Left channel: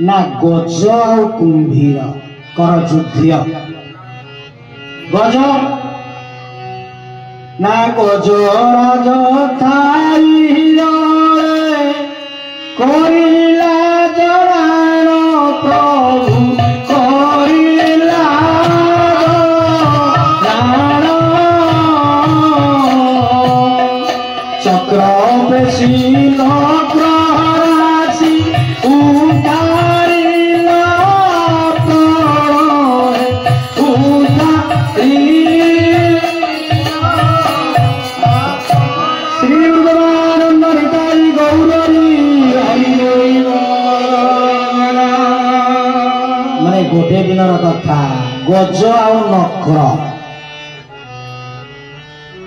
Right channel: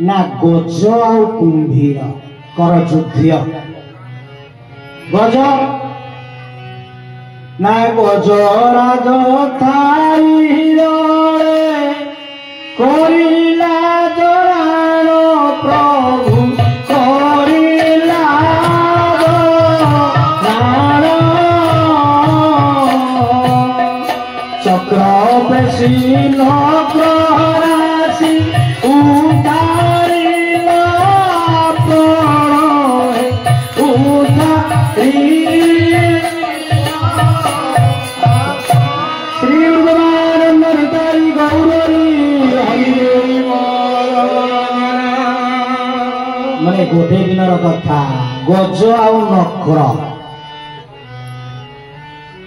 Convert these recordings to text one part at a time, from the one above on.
ना गज आउ कुंभीर कर युद्ध गज ना गज राज करिला जराण प्रभु करिला जराण चक्र बेसी नग्रराशि उतारिला प्राण उतारि श्री भगवान हरिताई गौरी माने गोटे दिन कथा गज आ नक्र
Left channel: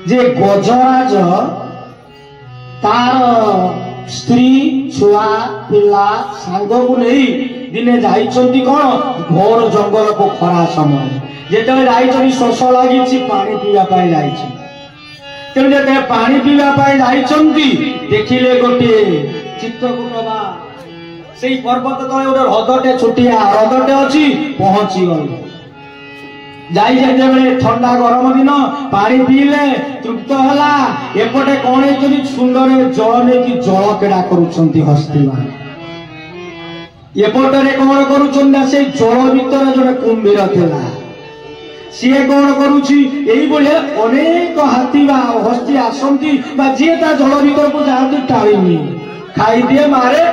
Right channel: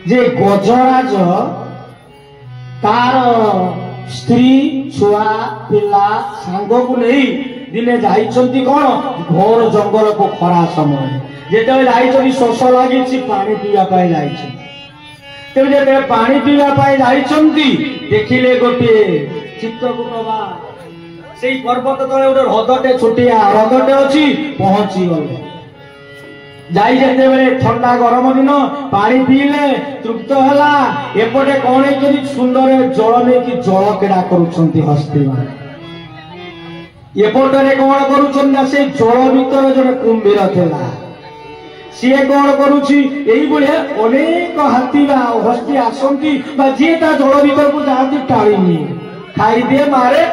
जे गजराज तार स्त्री छुआ पिला सांग को नहीं दिने जाइछंती कौन घोर जंगल को खरा समय जेते जाइछंती शोष लागिछि पानी पीवा पाई जाइछि तेणु जेते पानी पीवा पाई जाइछंती देखिले गोटे चित्तकूटवा से पर्वत तले गोटे हृदटे छुटिया हृदटे अच्छी पहुंची गले जाई जेते बेले ठंडा गरम दिन पानी पीले तृप्त हला एपटे कौन है सुंदर जल में कि जल क्रीड़ा करुछंती हस्ती एपटे कौन करुछंती से जल भीतर जड़े कुंभीर थिला सी कौन करुछि एई बळे अनेक हाथी बा हस्ती आसंती बा जे ता जल भीतर को जाती टाळीनी खाई दिए मारे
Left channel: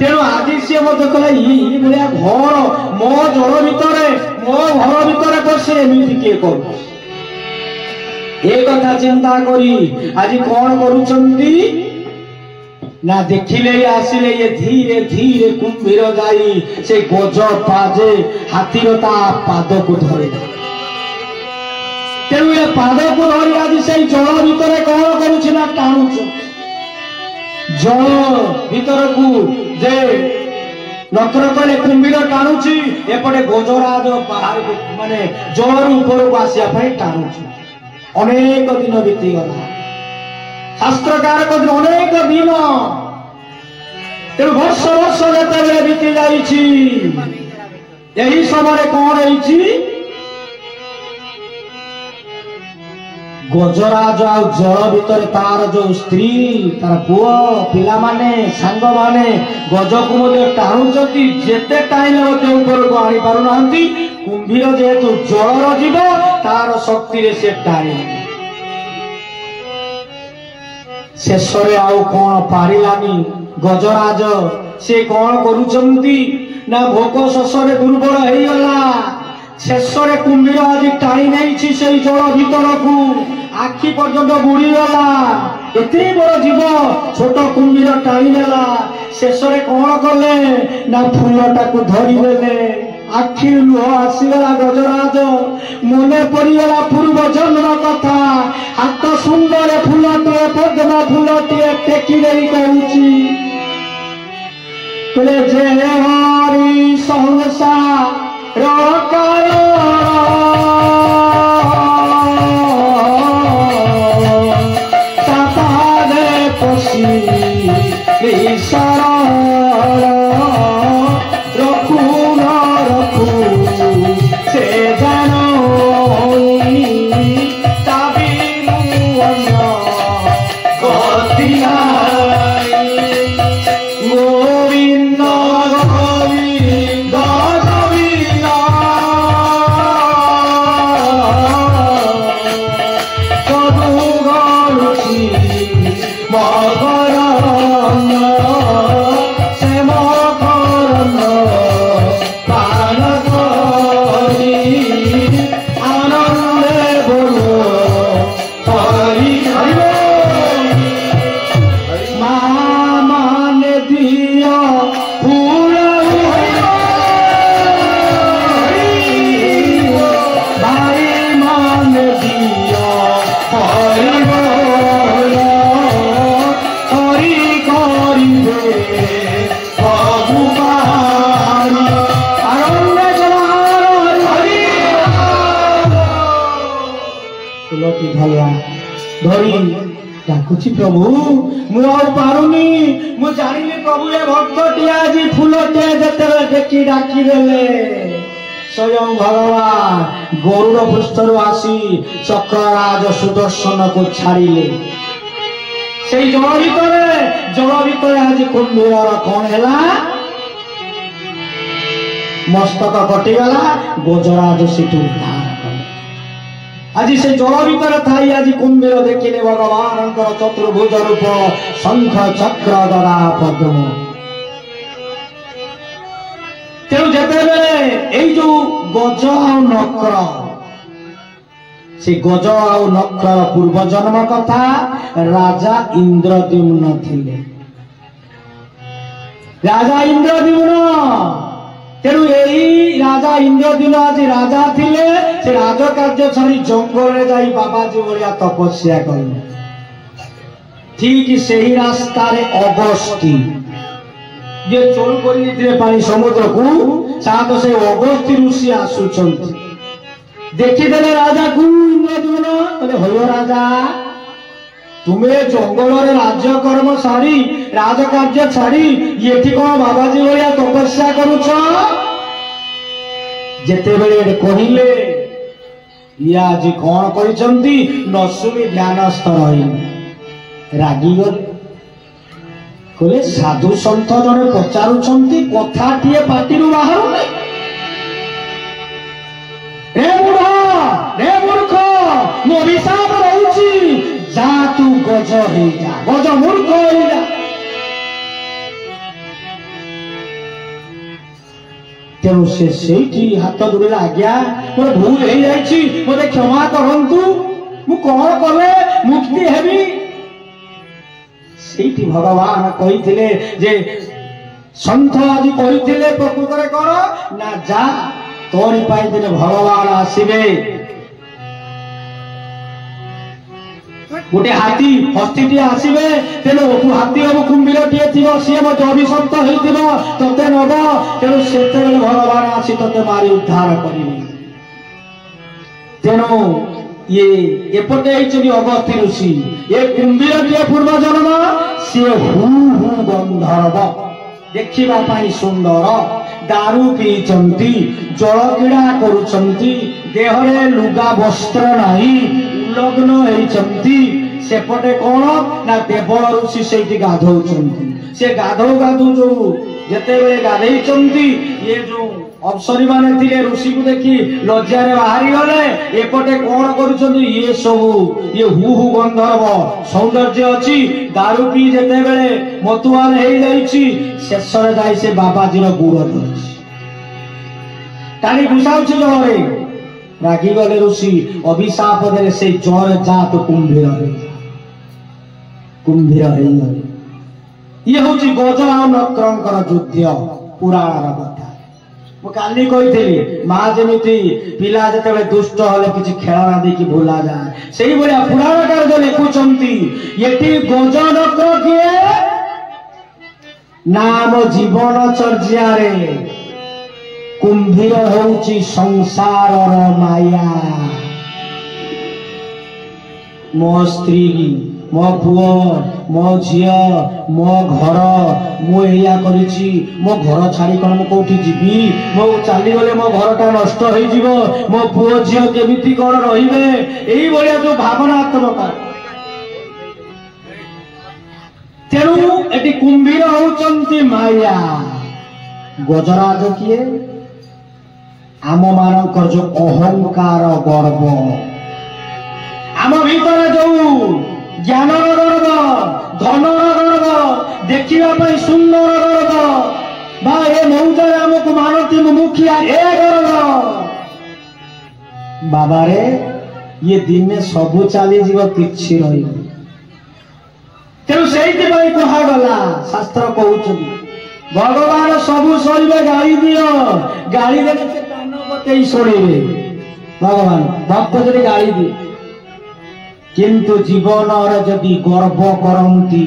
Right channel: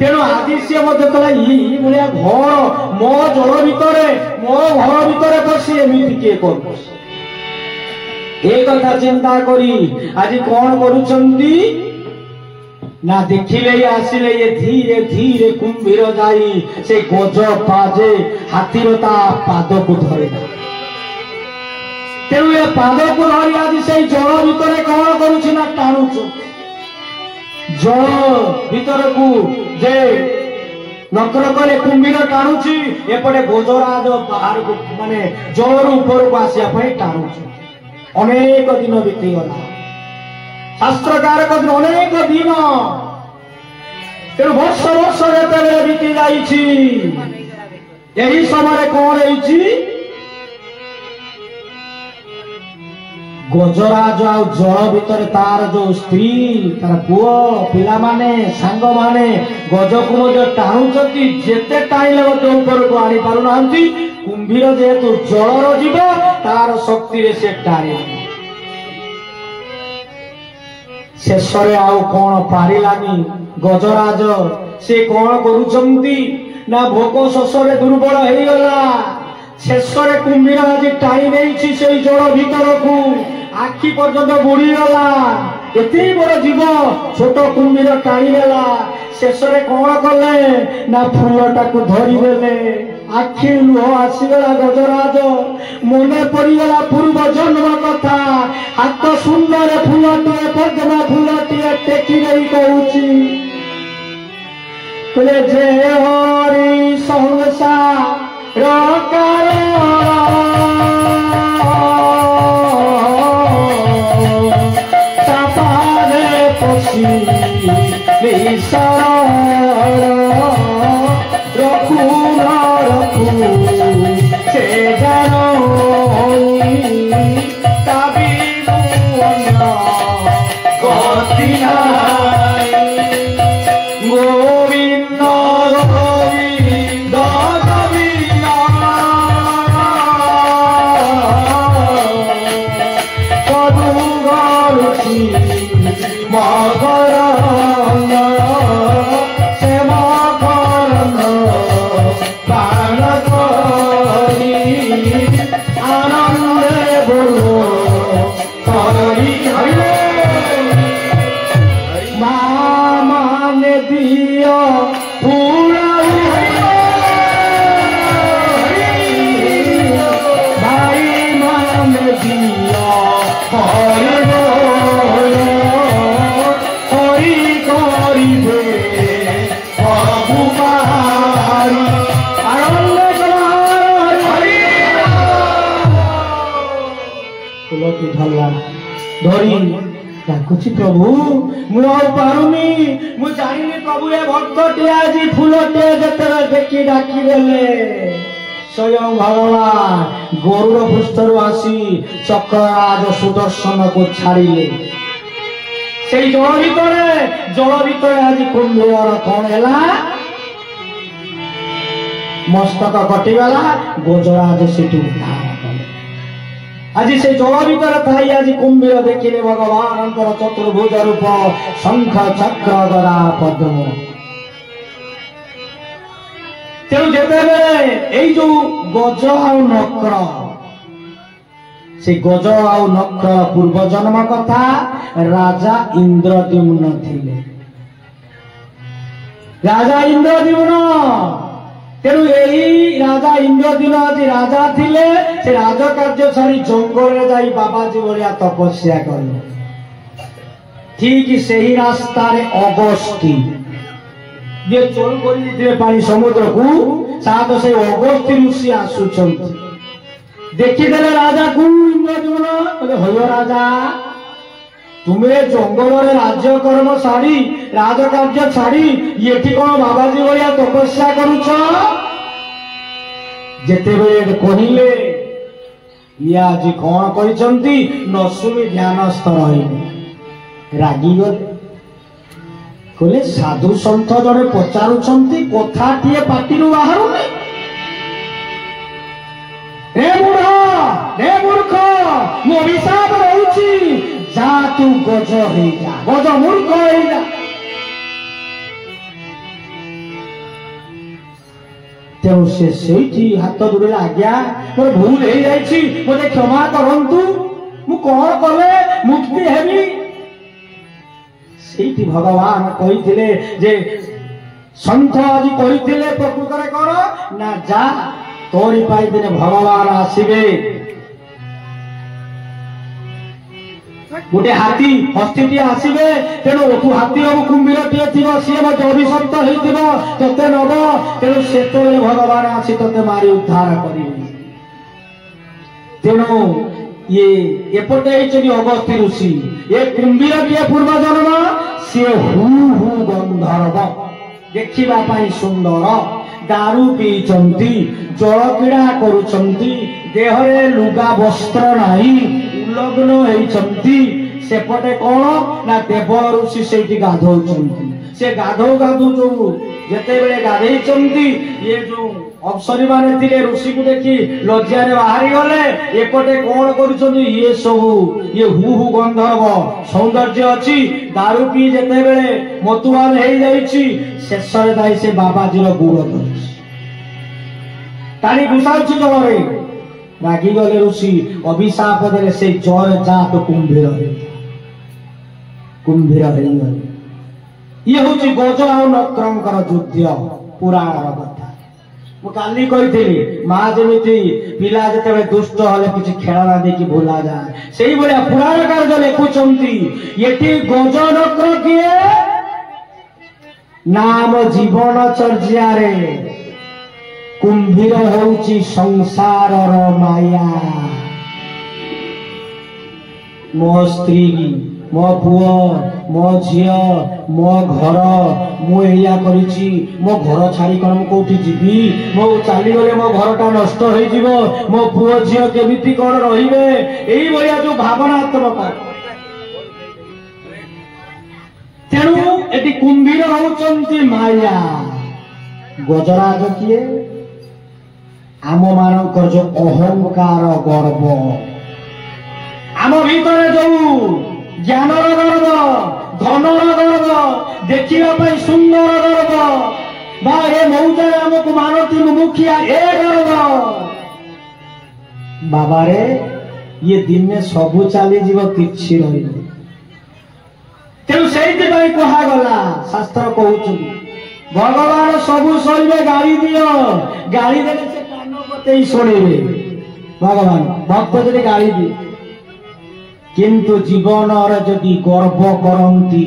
तेणु आदि सी कहला भाया घर मो जल भीतर मो घर भीतर पशे एमती किए कर कथा चिंता करी आज कौन करुचंदी ना देखिले आसिले ये धीरे धीरे कुंभीर जाई से गज पाजे हाथीर ता पाद को धरे तेणु ये पाद को धरी आज से जल भीतर कौन करुछि ना टाणुछ जल भीतर को जे नक्र कले कुंभीर टाणुछि एपटे गजराज बाहर को माने जल ऊपर को आसिया पई टाणुछि अनेक दिन बीती गला शास्त्रकार कहते अनेक दिन तेणु वर्ष वर्ष जेते बीती जाइछि यही समय कौन है गजराज आ जल भीतर तार जो स्त्री तार पुओ पिला माने सांग माने गज को टाणुचंती जेते टाणिले ऊपर को आनी पारु नांती कुंभीर जेहेतु जलर जीव तार शक्ति रे से टाणी शेष आउ कौन पारिलानी गजराज से कौन करुचंती ना भोक शोषरे दुर्बल हो गला शेष कुंभीर आज टाणी नहीं से जल भीतर को आखि पर्यंत बुड़ी गला एते बड़ जीव छोट कुंभीर टाणी देला शेष कौन कले ना फूलटा को धरी देले आखि लुह आसीगला गजराज मने पड़गला पूर्व जन्म कथा हाथ सुंदर फूलटे पद्म फूलटे टेकी नहीं कहूची जे हरि संसार प्रभु मु पारुनी मु जानी प्रभु ये भक्त टी आज फूल टे जते देखी डाकिदेले स्वयं भगवान गरुड़ पृष्ठर आसी चक्रराज सुदर्शन को छाड़िले से जल भितर आज कुंभीर कौन है मस्तक कटिगला गजराज सेठू उद्धार कले आज से जल भितर थाई आज कुंभीर देखिले भगवान चतुर्भुज रूप शंख चक्र गदा पद्म तेणु जिते जो गज आ नक्र से गज आ नक्र पूर्व जन्म कथा राजा इंद्रद्युम्न थिले राजा इंद्रद्युम्न तेणु यही राजा इंद्रद्युम्न आज राजा थिले से राज कार्य छाड़ी जंगल जाई बाबाजी भलिया तपस्या कले ठीक से ही रास्ता रे अगस्ती जे चोल कर पानी समुद्र को साथ से अगस्ती ऋषि आसुचंती देखिदेले राजा को इंद्रद्युम्न बोले होय राजा तुम्हें जंगल रे राज्य कर्म छाड़ी राज कार्य छाड़ी ये कौन बाबाजी भलिया तपस्या करुछ जेते बेले कहिले या आज कौन करिसंती नसुमी ध्यानस्थ रही रागी गले कहले साधु सन्थ जने पचारुछंती कथाटिए पाटिरु बाहरु रे मूर्ख मु अभिशाप रहउची जा तू गज हे जा गज मूर्ख हे जा तेणु से सेठी हाथ जोड़े आज्ञा मोर भूल हो जाइछि मते क्षमा करंतु मु कौन कले मुक्ति हेबी सेठी भगवान कहिथिले जे संत आदि कहिथिले प्रकृत रे कोन ना जा तोरी पाई दिन भगवान आसीबे गोटे हाथी हस्तीटी आसवे तेणु ओठू हाथी हम कुंभीरटीए थी सी मत अभिशप्त हो ते नब तेणु से भगवान आसी ते मारी उद्धार करेंगे तेणु ये एपटे अगस्त्य ऋषि ये कुंभीरटीए पूर्व जन्म सी हु हु गंधर्व देखा सुंदर दारू पीचंती जल क्रीड़ा करुचंती देहरे लुगा वस्त्र नहीं उल्लग्न होइचंती सेपटे कौन ना देव ऋषि से गाधौचंती से गाधौ गाधु जो जेते बेले गाधेइचंती ये जो अप्सरी माने थिले ऋषि को देखी लज्जा रे बाहरी गले एपटे कौन करुचंती ये सब ये हु हु गंधर्व सौंदर्य अछि दारू पी जेते बेले मतुआल हेइ जाइछि शेष रे जाई से बाबाजी रो गुड़ धरछि ताली घुसाउछि जलरे रागी गले ऋषि अभिशाप देले से जर जात कुंभीर हेइ गले ये होछि गज आ नक्रंकर युद्ध पुराण कथा मु काली कहिथिली मां जेमिति पिला जते दुष्ट हले किछि खेलना देकी भूला जाए सेही बलिया पुराणकार जे लेखुचंती येटी गज नक्र किए नाम जीवन चर्या रे कुंभीर होउछि संसार माया मो स्त्री मो पुओ मो झिया मो घर मुया करिछि मो घर छाड़ी कोन मु कोठी जीवी मो चाली गले मो घरटा नष्ट होई जीवो मो पुओ झिया केमिति कोन रहिबे एही बलिया जो भावनात्मक तेणु एटी कुंभीर होउचंती माया गजराज किए आम मानकर जो अहंकार गर्व आम भीतर जो ज्ञान गर्व धन गर्व देखा सुंदर गर्व बा ए मौजा आमको मानती मुखिया ए गर्व बाबा रे ये दिन में सबू चली जीव किछि रही तेणु से कहगला शास्त्र कहते भगवान सबू सरिबे गाड़ी दियो गाड़ी देले से कान पते शुणिबे भगवान भक्त जदि गाड़ी दिए किंतु जीवन जदि गर्व करती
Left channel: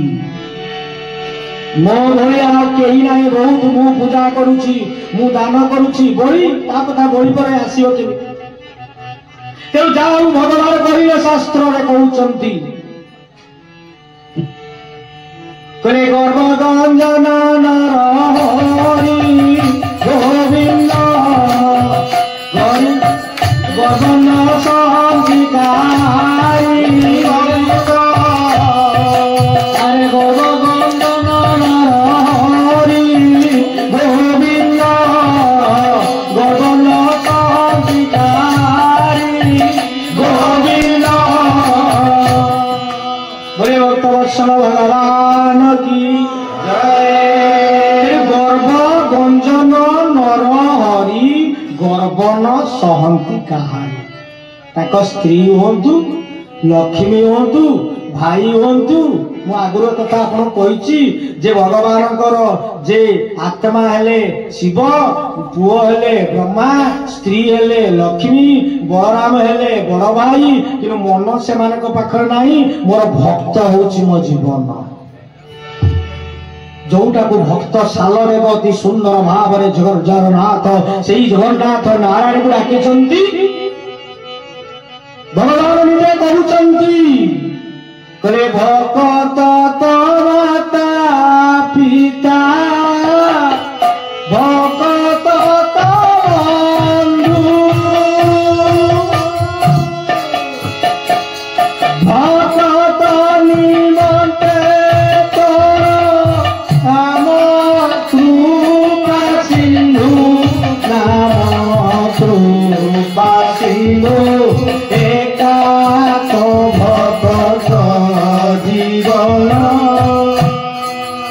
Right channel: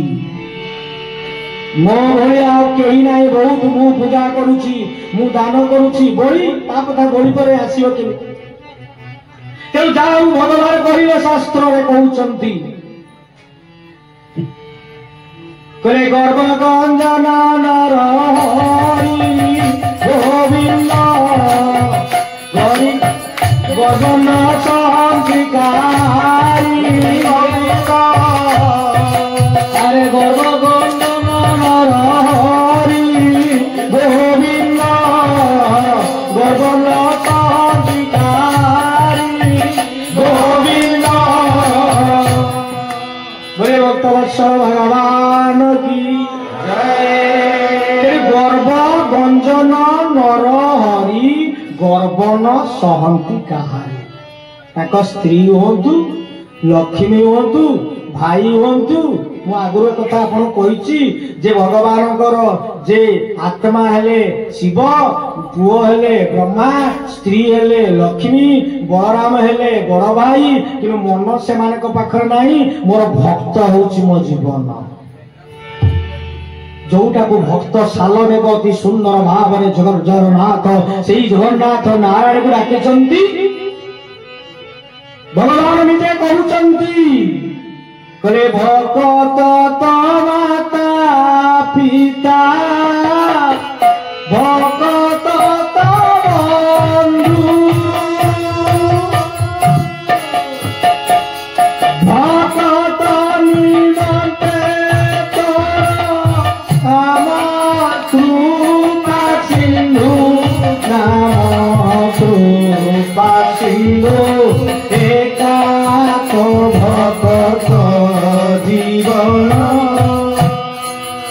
मो भाया कहीं ना बहुत मु पूजा करुची मु दान करुची बड़ी ता कथा बड़ी पर आसियो केमिति तेणु जाऊ भगवान कहिबे शास्त्र रे कहउचंती करे गर्व गंजन नरहरि निरंजन नर हरि गर्वन सहंती कहानी ताक स्त्री हूँ लक्ष्मी हूँ भाई हूँ मु आगुर कथा आपन कही जे भगवानकर जे आत्मा हेले शिव पुओ हेले ब्रह्मा स्त्री हेले लक्ष्मी बलराम हेले बड़ भाई कि मन से पाखर नहीं मोर भक्त होची मो जीवन जोटा को भक्त सालरे अति सुंदर भाव जगन्नाथ से जगन्नाथ नारायण को डाकिचंती भगवान निजे कहउचंती कले भक्त तो माता पिता भक्त तो बंधु भक्त निमंते एका तो भक्त जीवन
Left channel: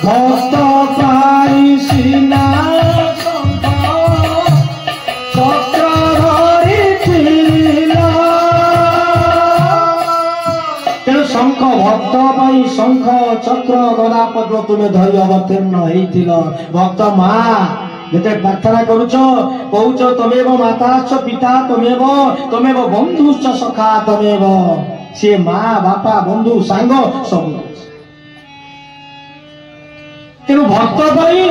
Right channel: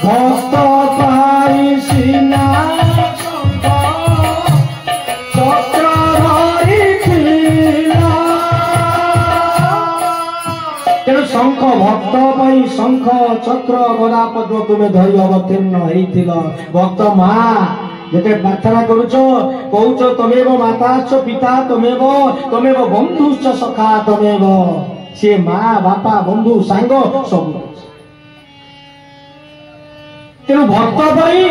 भक्त पाई सीना चक्र तेणु शंख भक्त पाई शंख चक्र गदा पद्म तुम्हें धरी अवतीर्ण होइथिल भक्त माँ जेते प्रार्थना करुच कहूच तमेव माता च पिता तमेव बंधु च सखा तमेव से माँ बापा बंधु सांग सब तेणु भक्त भाई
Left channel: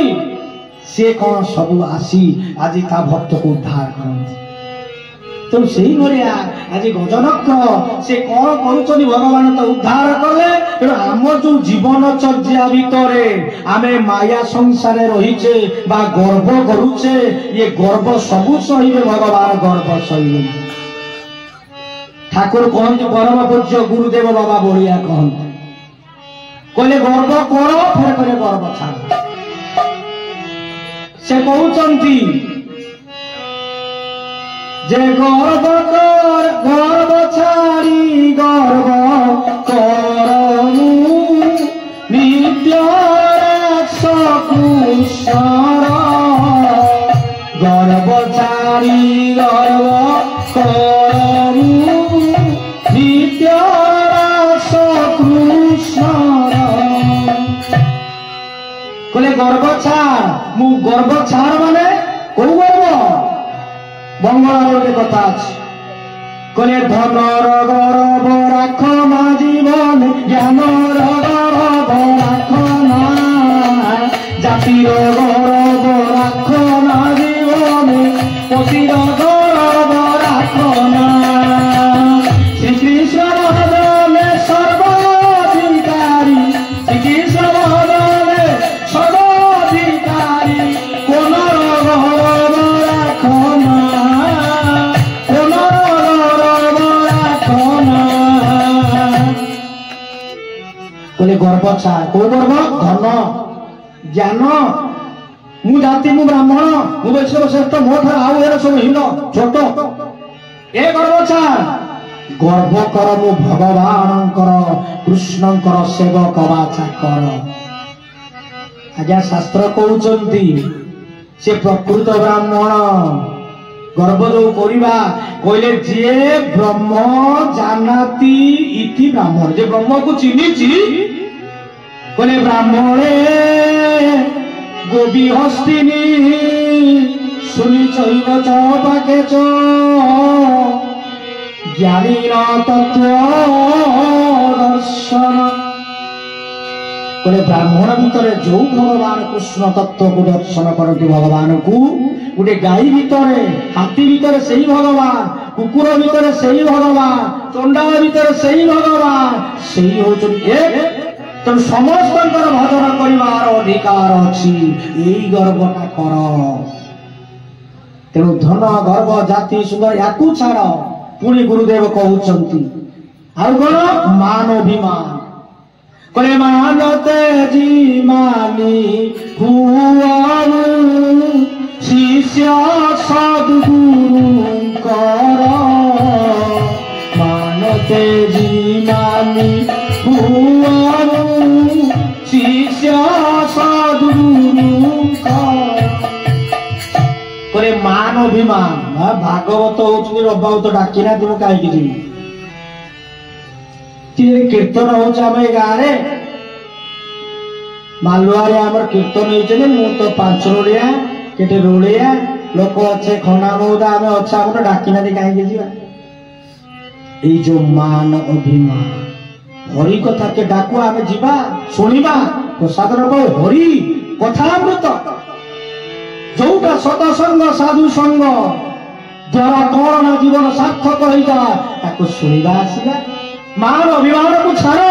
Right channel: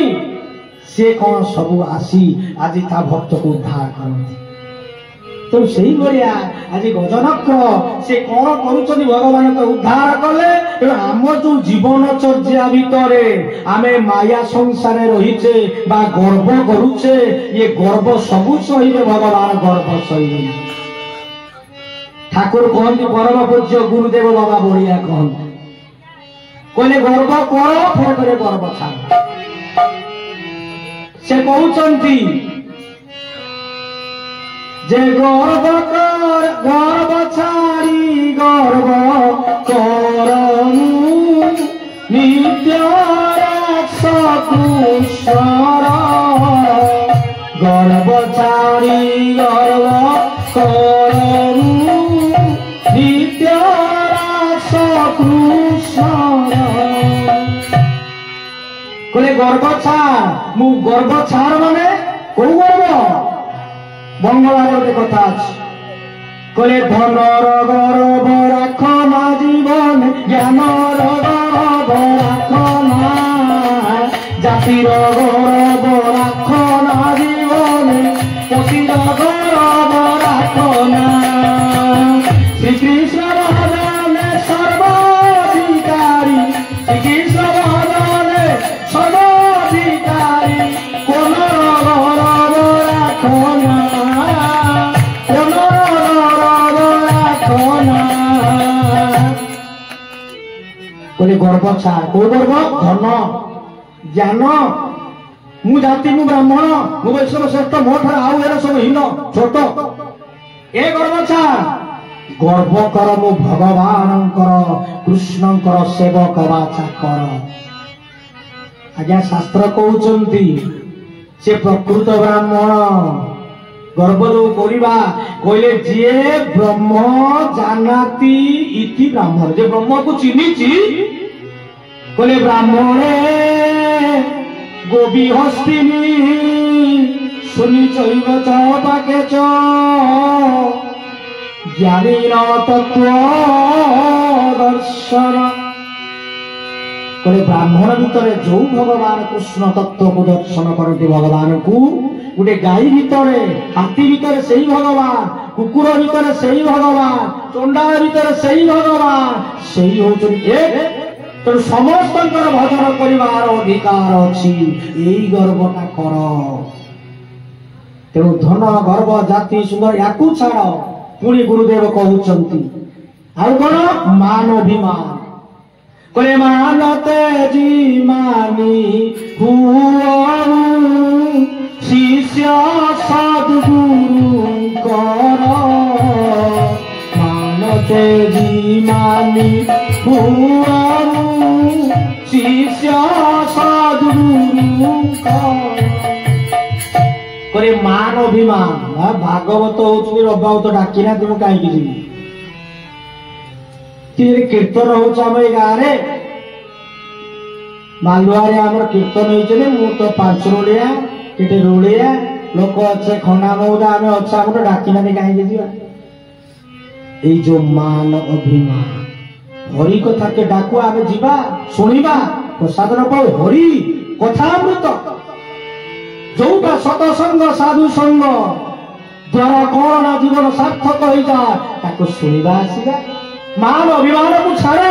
से कौन सब आसी आज ता भक्त को उद्धार करते तेणु से भाया आज गजनक्र से कौन कर भगवान तो उद्धार कले तेणु आम जो जीवन चर्या भितर आमे माया संसार रहीचे बा गर्व करुचे ये गर्व सबू सहिबे भगवान गर्व सहिबे ठाकुर कहते परम पूज्य गुरुदेव बाबा बढ़िया कहते कहले गर्व कर फिर करे गर्व छाड़ से कहते जे गर्व छाड़ी गर्व करमु नित्य सकुशल गर्व छाड़ी गर्व करमु नित्य सकुशल कहले गर्व छाड़ मु गर्व छाड़ माने को गर्व बंगलार गोटे कथा अच्छे कहले धनर गौरव राख ना जीवन ज्ञानर गौरव राख ना जातिर गौरव राख ना जीवन पतिर गौरव राख ना श्रीकृष्ण भजन सर्वाधिकारी श्रीकृष्ण भजन सर्वाधिकारी कोनर गौरव राख ना गर्व छाड़ को गर्व धन ज्ञान मु जाति मु ब्राह्मण मु वैश्य श्रेष्ठ मो ठार सब हीन छोट ए गर्व छाड़ गर्व कर मु भगवान कृष्ण सेवक बा चाकर आज्ञा शास्त्र कहते से प्रकृत ब्राह्मण गर्व जो करिबा कहले जे ब्रह्म जानाति इति ब्राह्मण जे ब्रह्म को चिन्हिछि कहले ब्राह्मणे गोबी हस्तिनी सुनि चैव च पाके च ज्ञानी तत्व दर्शन कहले ब्राह्मण भितर जो भगवान कृष्ण तत्व को दर्शन करते भगवान को गोटे गाई भितर हाथी भितर से भगवान कुकुर भितर से भगवान चंडाल भितर से भगवान से एक तेणु समस्त भजन कर अधिकार अच्छी यही गर्वटा कर तेणु धन गर्व जाति सुंदर या छाड़ पुणी गुरुदेव कहते आउ कौन मान अभिमान कहले मानते जी मानी शिष्य सद्गुरु कर मानते जी मानी शिष्य सद्गुरु कर बोले मान अभिमान भागवत हो रबावत डाकी ना तुम कहीं जी कीर्तन हो गाँव मालुआरे आम कीर्तन होते मु तो पांच रोलिया केटे रोलिया लोक अच्छे खना मौदा आम अच्छा गोटे डाकी ना कहीं जा जो मान अभिमान हरि कथा के डाकु आम जा शुणा प्रसाद पाऊ हरि कथामृत जोटा सतसंग साधु संग द्वारा कौन ना जीवन सार्थक हो जाए शुणा आसवा मान अभिमान को छाड़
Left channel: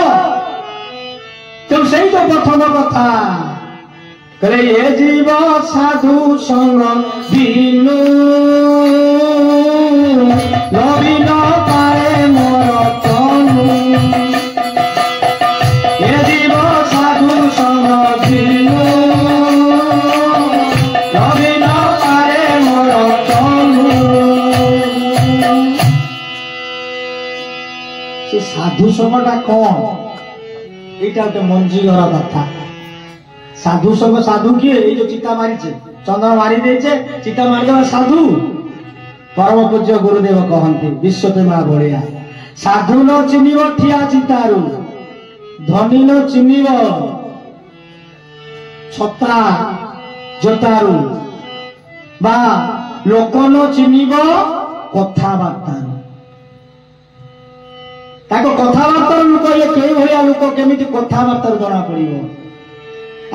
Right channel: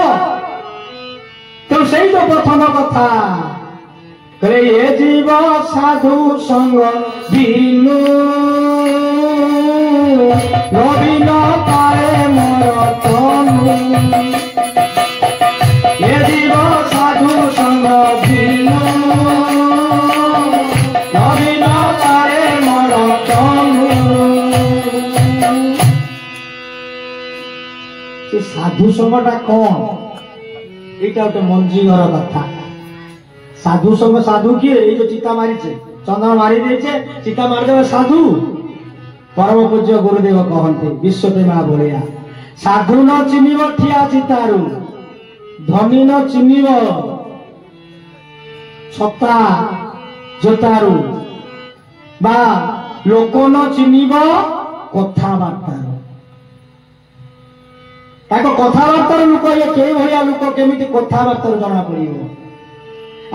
तो से तो प्रथम कथा कहले ये जीव साधु संग बिनु नवीन पाए मोर तनु ये जीव साधु संग बिनु नवीन पाए मोर तनु से साधु संगटा कौन এটা একটা মঞ্জি ঘর কথা সাধু সঙ্গ সাধু কি এই যে চিতা মারিছে চন্দন মারি দিয়েছে চিতা মারিদেবা সাধু পরম পূজ্য গুরুদেব কহন্তে বিশ্বতে মা বলিয়া সাধু ন চিনিব ঠিয়া চিতারু ধনী ন চিনিব ছতা জোতারু বা লোক ন চিনিব কথাবার্তারু कथबार्तार लोक ये भाया लोक केमी कथबार्तार जना पड़ो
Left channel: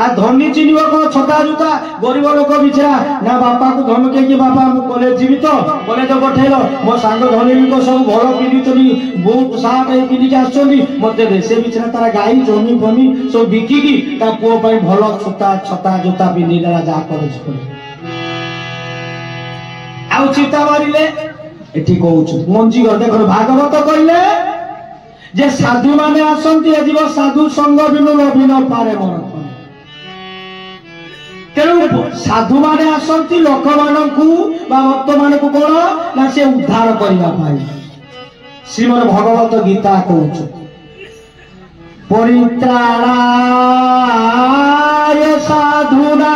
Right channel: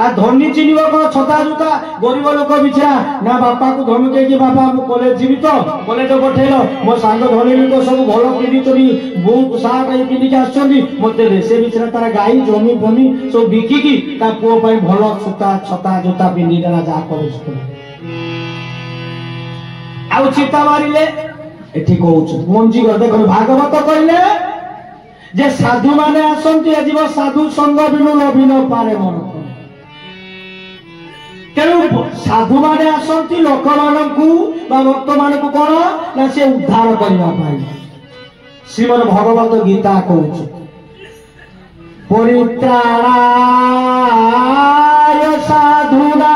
आ धनी चिन्ह कौन छता जुता गरीब लोक बिचरा ना बापा को धमके कि बापा कॉलेज जीवी तो कॉलेज पठेल मो सांग धनी लोक सब भल पिंधुचि बुट सार्ट पिंधिक आसते से बिचरा तार गाई जमी फमी सब बिकिकी पुओ भल छुटा छता जोता पिंधिदेला जहाँ कॉलेज आउ चिता मारे एटी कौच मंजी घर देख भागवत कहले जे साधु माने आसंती जीव साधु संग बिनु लभी न पारे मन तेणु साधु माने आसंती लोक मानकु बा भक्त मानकु कोन ना से उद्धार करबा पाई श्रीमद् भगवत गीता कहउछ परित्राणाय साधुना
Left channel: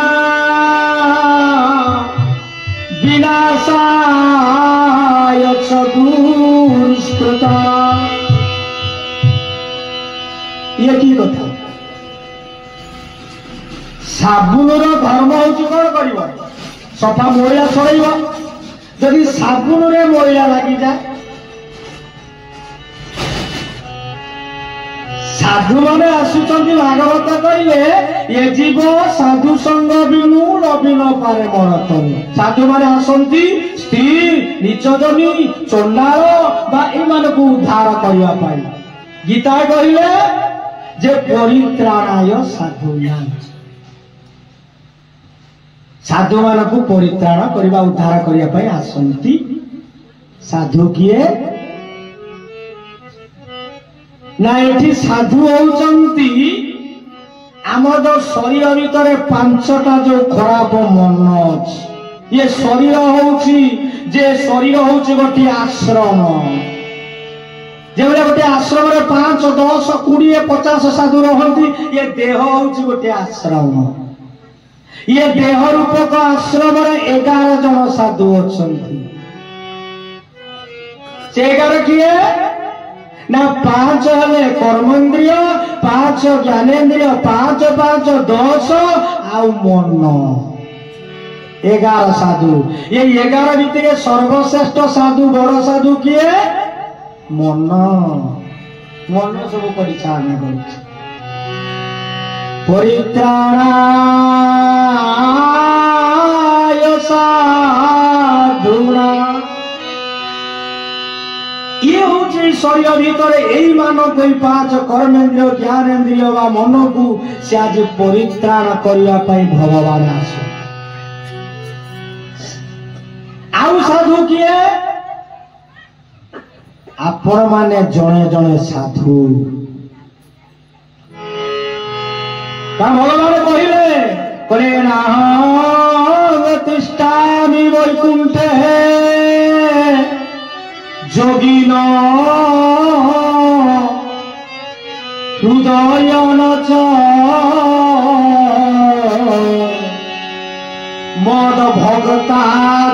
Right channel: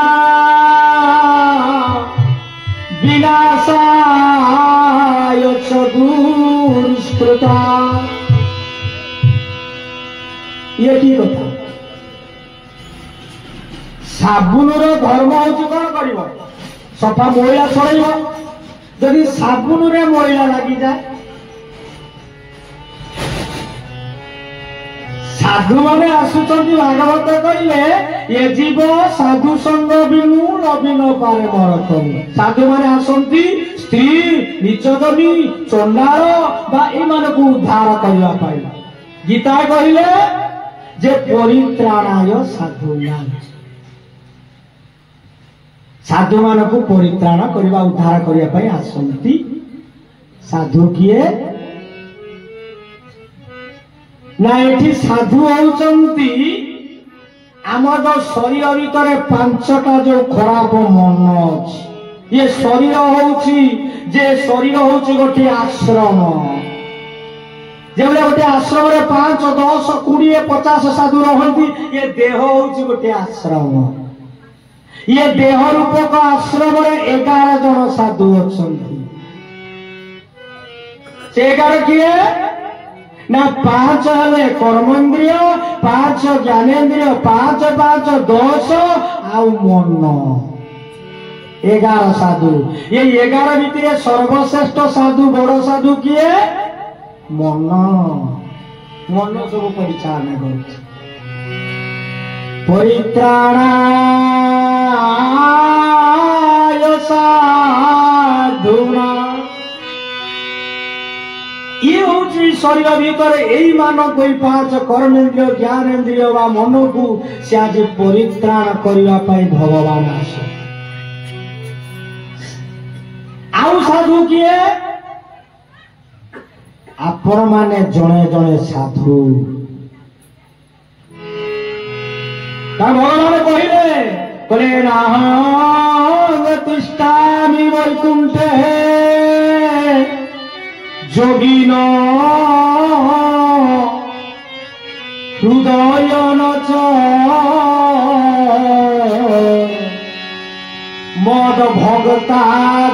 विनाशाय च दुष्कृता ये की कथा साबुन धर्म हूँ कौन कर सफा मैला छड़ब जदि साबुन मैला लगी जाए साधु मैंने आसुच्च भागवत कहले ये जीव साधु संग बिनु नवीन पारे मरतन साधु मैंने आसती स्त्री नीचजनी चंडाल उद्धार करने गीता कहले जे परित्राणाय साधुना साधु मान को परित्राण करने उद्धार करने आसंती साधु किए ना ये साधु होउचंती आम जो शरीर भीतर पांचटा जो खराब मन अच्छी ये शरीर होउची जे शरीर होउची गोटे आश्रम जो गोटे आश्रम 5, 10, 20, 50 साधु रहती ये देह होउची गोटे आश्रम ये देह रूपक आश्रम 11 जन साधु अच्छी से 11 किए ना 5 हेले कर्मेन्द्रिय 5 ज्ञानेन्द्रिय 5, 5, 10 आउ मन 11 साधु ये 11 भितर सर्वश्रेष्ठ साधु बड़ साधु किए मन मन सब परिचालन कर परित्राणाय साधुना ये हूँ शरीर भीतर यही मान कोई 5 कर्मेन्द्रिय ज्ञानेन्द्रिय मन को से आज परित्राण करने भगवान आस आउ साधु किए आपण माने जड़े जड़े साधु भगवान कहले तिष्ठामि वैकुंठे जोगिन हृदय न মদ ভগতা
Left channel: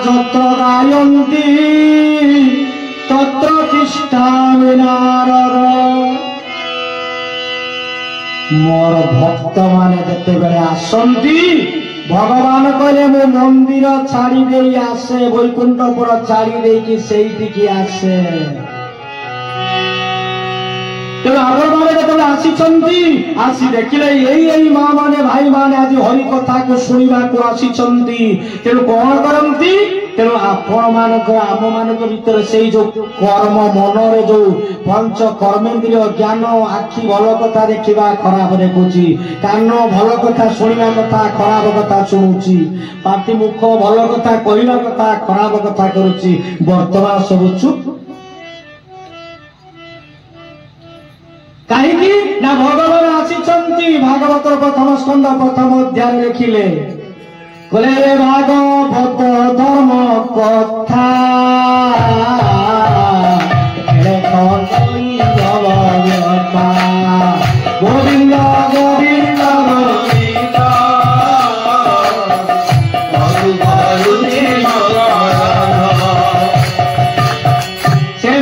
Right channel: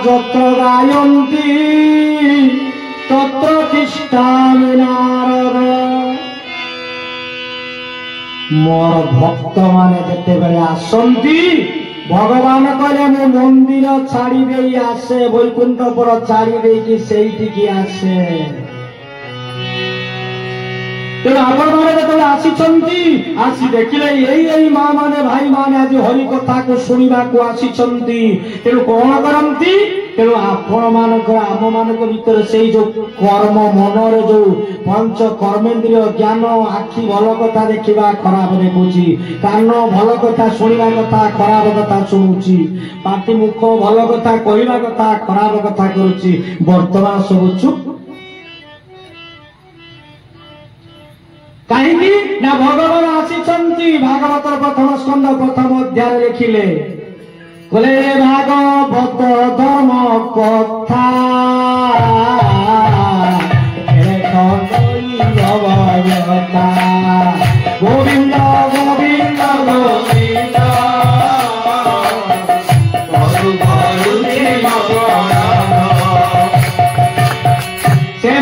যত গায়ন্তি তত্র তিষ্ঠামি নারদ। মোর ভক্ত মানে যেতেবেলে আসন্তি ভগবান কলে মু মন্দির ছাড়ি দেই আসে, বৈকুণ্ঠপুর ছাড়ি ଦେଇକି ସେଇଠିକି আসে। ତେଣୁ ଆପଣମାନେ ଯେତେବେଳେ ଆସିଛନ୍ତି ଆସି ଦେଖିଲେ ଏଇ ମା ମାନେ ଭାଇ ମାନେ ଆଜି ହରି କଥାକୁ ଶୁଣିବାକୁ ଆସିଛନ୍ତି। ତେଣୁ କଣ କରନ୍ତି? ତେଣୁ ଆପଣମାନଙ୍କର ଆମମାନଙ୍କ ଭିତରେ ସେଇ ଯୋଉ କର୍ମ ମନରେ ଯୋଉ ପଞ୍ଚ କର୍ମେନ୍ଦ୍ରିୟ ଜ୍ଞାନ, ଆଖି ଭଲ କଥା ଦେଖିବା ଖରାପ ଦେଖୁଛି, କାନ ଭଲ କଥା ଶୁଣିବା କଥା ଖରାପ କଥା ଶୁଣୁଛି, ପାଟି ମୁଖ ଭଲ କଥା କହିବା କଥା ଖରାପ କଥା କରୁଛି, ବର୍ତ୍ତମାନ ସବୁ ଚୁପ୍। କାହିଁକି ନା ଭଗବାନ ଆସିଛନ୍ତି। ଭାଗବତର ପ୍ରଥମ ସ୍କନ୍ଧ ପ୍ରଥମ ଅଧ୍ୟାୟ ଲେଖିଲେ, କହିଲେ ଭାଗବତ ଧର୍ମ କଥା ଗୋବିନ୍ଦ ଗୋବିନ୍ଦ ସେ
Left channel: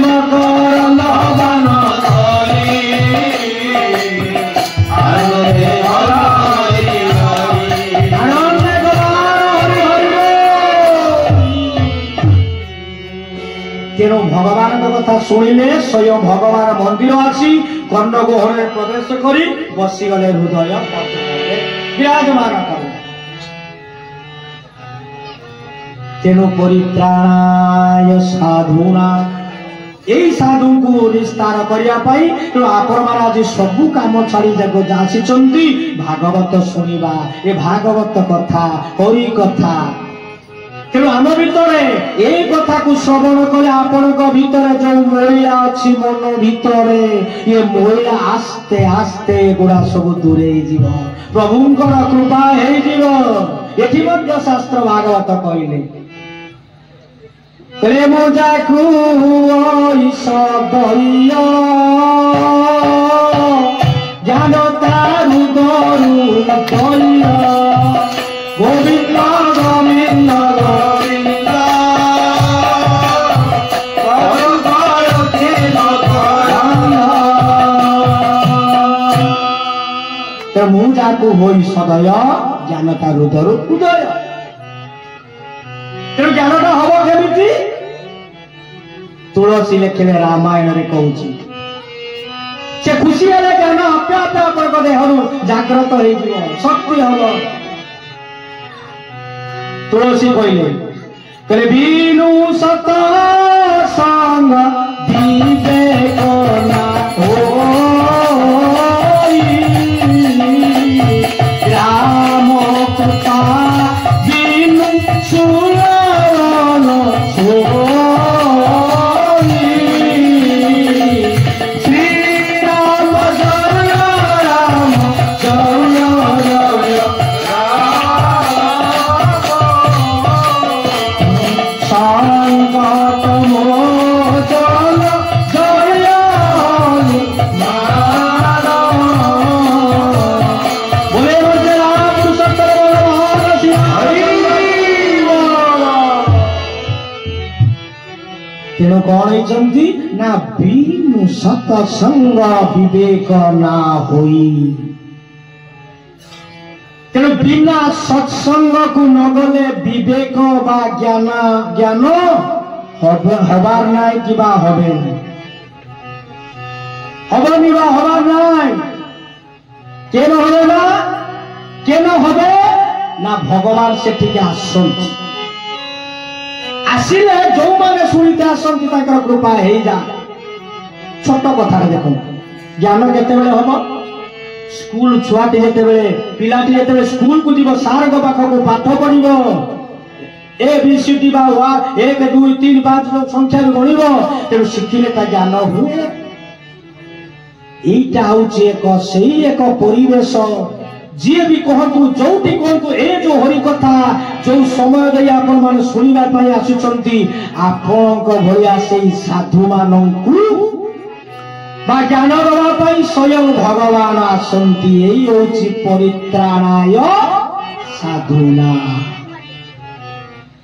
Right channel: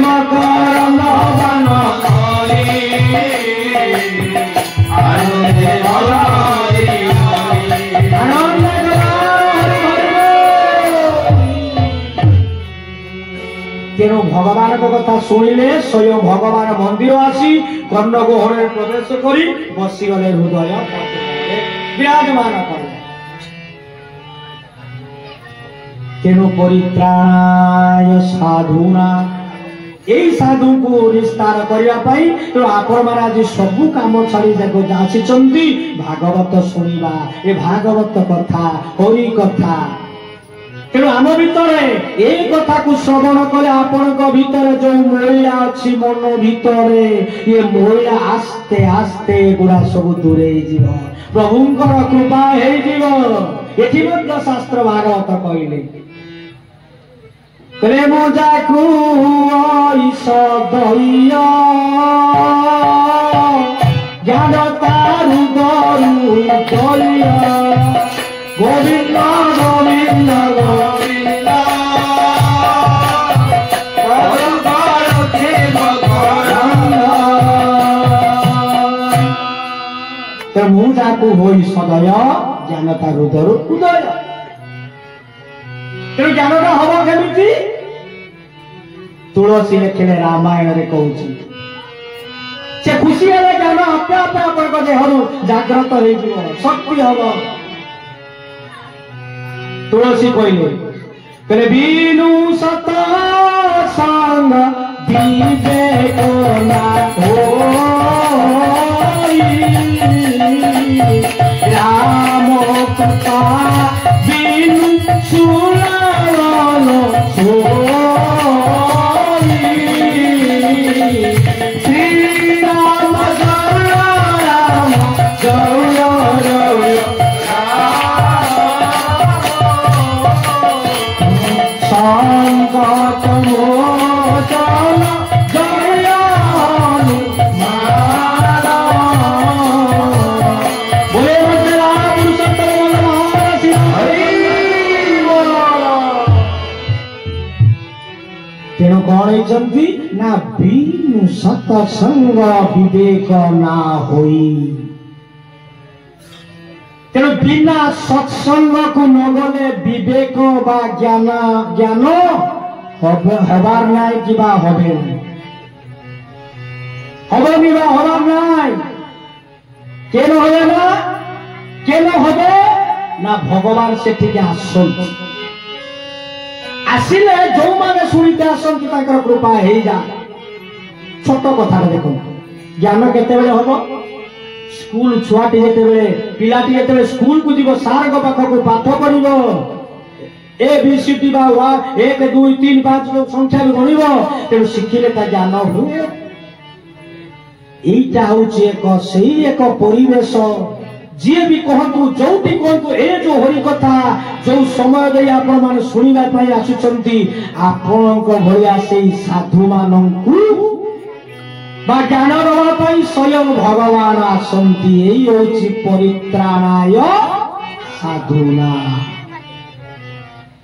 ତେଣୁ ଭଗବାନଙ୍କ କଥା ଶୁଣିଲେ ସ୍ୱୟଂ ଭଗବାନ ମନ୍ଦିର ଆସି କର୍ଣ୍ଣଗୋହଳରେ ପ୍ରବେଶ କରି ବସିଗଲେ, ହୃଦୟ ବିରାଜମାନ କଲେ। ତେଣୁ ପରିତ୍ରାଣାୟ ସାଧୁନା, ଏଇ ସାଧୁଙ୍କୁ ନିସ୍ତାର କରିବା ପାଇଁ ତେଣୁ ଆପଣମାନେ ଆଜି ସବୁ କାମ ଛାଡ଼ି ଆସିଛନ୍ତି ଭାଗବତ ଶୁଣିବା। ଏ ଭାଗବତ କଥା ହରି କଥା। ତେଣୁ ଆମ ଭିତରେ ଏଇ କଥାକୁ ଶ୍ରବଣ କଲେ ଆପଣଙ୍କ ଭିତରେ ଯୋଉ ମଇଳା ଅଛି ମନ ଭିତରେ, ଏ ମଇଳା ଆସ୍ତେ ଆସ୍ତେ ଏଗୁଡା ସବୁ ଦୂରେଇ ଯିବ, ପ୍ରଭୁଙ୍କର କୃପା ହେଇଯିବ। ଏଠି ମଧ୍ୟ ଶାସ୍ତ୍ର ଭାଗବତ କହିଲେ, ପ୍ରେମ ଯାକୁ ଜ୍ଞାନ ତାରୁ ଦରୁ ଗୋବିନ୍ଦ ଗୋବିନ୍ଦ ମୁଁ ଯାକୁ ହୋଇ ସଦୟ ଜ୍ଞାନ ତା ହୃଦୟରୁ ଉଦୟ। ତେଣୁ ଜ୍ଞାନଟା ହବ କେମିତି? ତୁଳସୀ ଲେଖିଲେ ରାମାୟଣରେ କହୁଛି, ସେ ଖୁସି ହେଲେ ଜ୍ଞାନ ଆପେ ଆପେ ଆପଣଙ୍କ ଦେହରୁ ଜାଗ୍ରତ ହେଇଯିବ, ଶକ୍ତି ହବ। ତୁଳସୀ କହିଲେ ବିନୁ ସତ ସଙ୍ଗ ବିବେକ ନା ରାମ କୃପା ବିନୁ ଶ୍ରୀରାମ ଜୟ ରାମ ଜୟ ସଂକଟ ମୋଚନ ଜୟ ତେଣୁ କଣ ହେଇଛନ୍ତି ନା ବିନୁ ସତସଙ୍ଗ ବିବେକ ନା ହୋଇ। ତେଣୁ ବିନା ସତ୍ସଙ୍ଗକୁ ନଗଲେ ବିବେକ ବା ଜ୍ଞାନ ହବାର ନାହିଁ କିବା হবে না, হবনি বা হবার নাই। কেন হবে না? কেন হবে না ভগবান সেটিকে আসছেন। আসিলে যে শুনিতে আসছেন তাঁর কৃপা হয়ে যায়। ছোট কথা দেখুন, জ্ঞান কেতবে হব? স্কুল ছুয়াটি যেতবে পিলাটি যেতবে স্কুল কু যাব সারଙ୍କ পাখକୁ পাঠ পড়িব, ए बी सी डी बा 1 2 3 5 संख्या गणिब, तेणु शिखिले ता ज्ञान हुए। এইটা হচ্ছে एक परिवेश। जी भी कहतु जोटी कहतु ए जो हरि कथा जो समय दे आपण माने सुनिबा पई आसुचंती, आपणक भलिया सेई साधु मानंकु बा ज्ञान देवा पई स्वयं भगवान आसंती। एई होची परित्राणाय साधुना।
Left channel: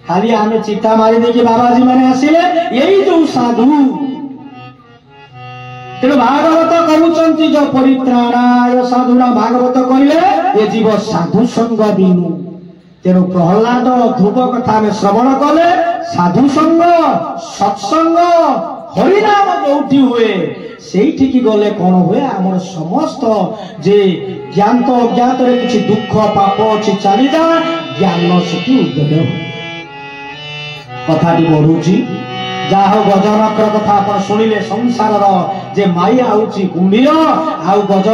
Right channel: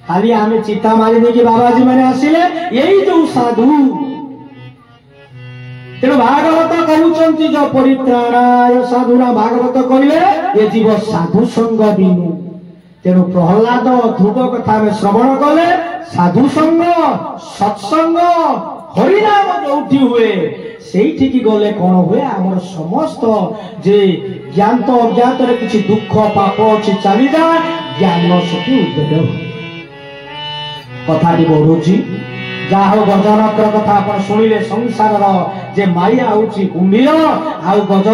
खाली आम चिता मारी देखिए बाबाजी मैंने आसिले यही जो साधु तेणु भागवत कहते जो परित्राणाय साधुना भागवत कहले ये जीव साधु संग बिनु तेणु प्रहलाद ध्रुव कथा में श्रवण कले साधु संग सत्संग हरिनाम जोठी हुए से गले कौन हुए आम समस्त जे ज्ञात अज्ञात किसी दुख पाप अच्छी चली जा ज्ञान से उद्योग कथा बढ़ुची जाहो गजनकर कथा आप शुणिले संसार जे माया आउची कुंभीर आउ गज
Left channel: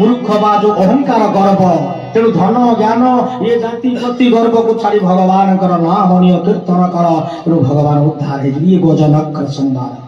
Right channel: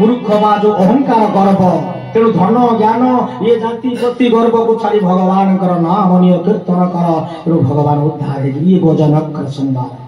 मूर्ख बा जो अहंकार गर्व तेणु धन ज्ञान ये जाति गति गर्व को छाड़ी भगवान नाम निय कीर्तन कर तेणु भगवान उद्धार ये गजनकर संवाद।